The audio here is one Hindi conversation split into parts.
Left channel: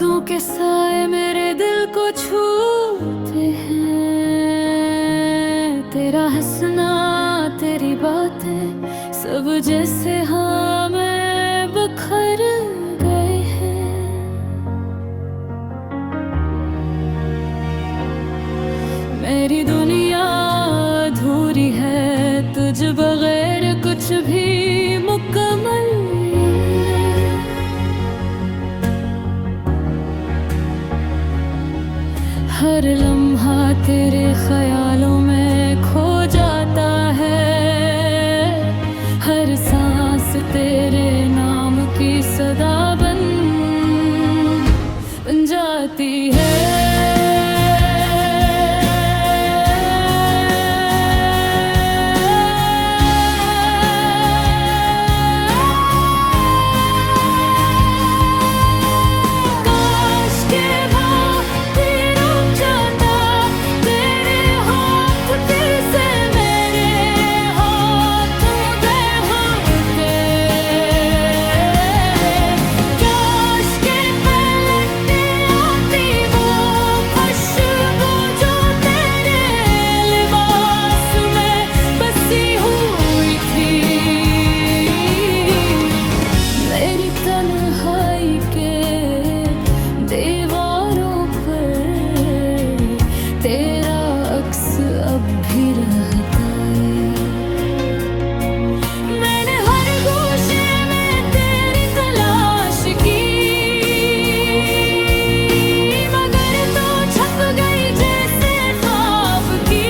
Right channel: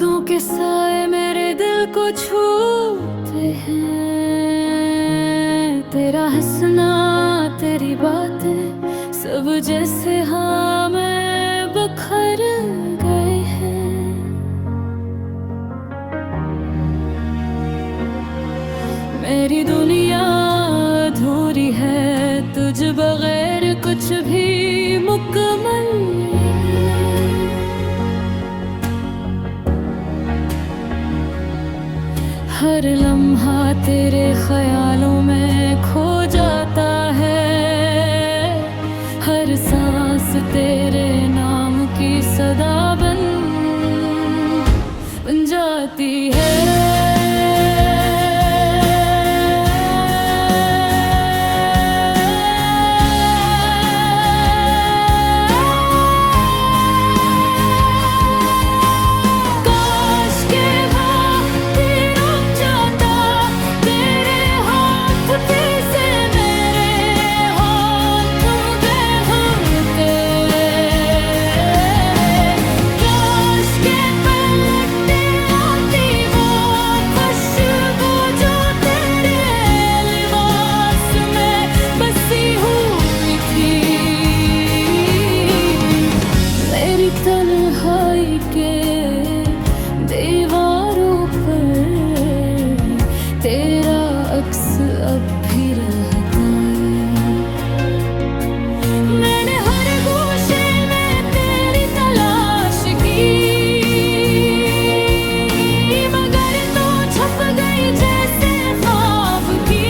यादों के साए मेरे दिल को छूते हैं। तेरा हंसना, तेरी बातें, सब जैसे हाँ में बिखर गए हैं। मेरी दुनिया अधूरी है, तुझ बगैर कुछ भी मुकम्मल। हर लम्हा तेरे ख्यालों में खो जाता है, हर सांस तेरे नाम की सदा बन जाती है। तन्हाई के दीवारों पर तेरा अक्स अब भी रहता है। मैंने हर गोशे में तेरी तलाश की, मगर तो छप गई जैसे ख्वाब की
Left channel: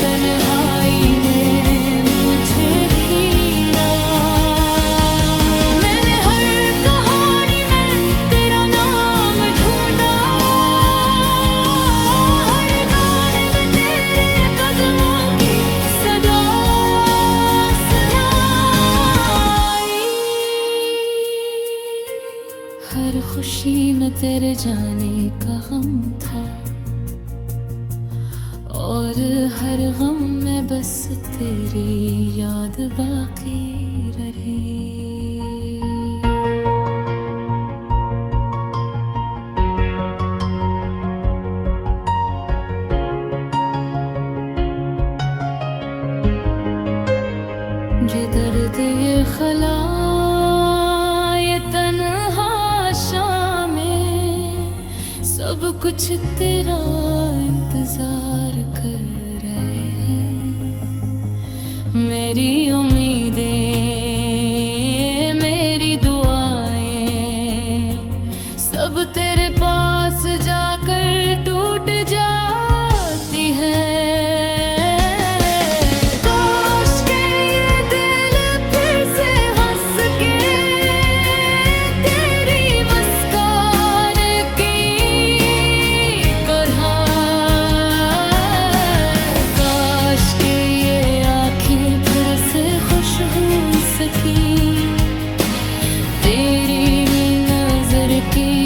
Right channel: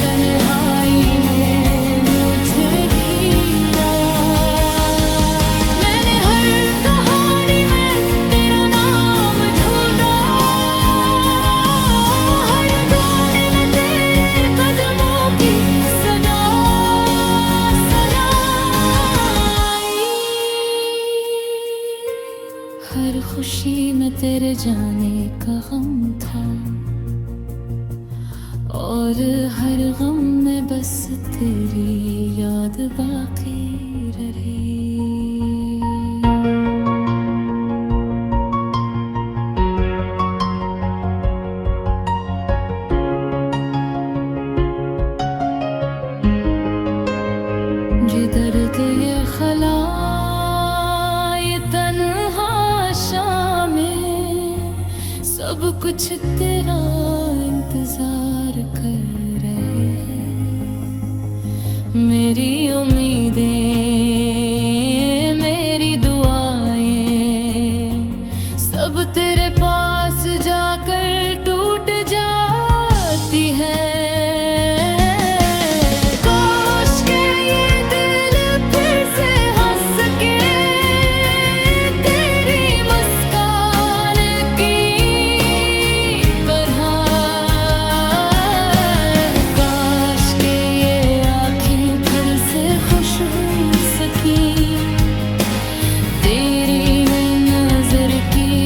तन्हाई ने मुझे घेरा। मैंने हर कहानी में तेरा नाम ढूंढा, हर गाने में तेरे कदमों की सदा सुनाई। हर खुशी में तेरे जाने का गम था, और हर गम में बस तेरी याद बाकी रहे। ये दर्द, ये खला, ये तन्हा शामें, सब कुछ तेरा इंतजार कर रहे हैं। मेरी उम्मीदें, मेरी दुआएं, सब तेरे पास जाकर टूट जाती हैं। खुश हो सकी तेरी नजर की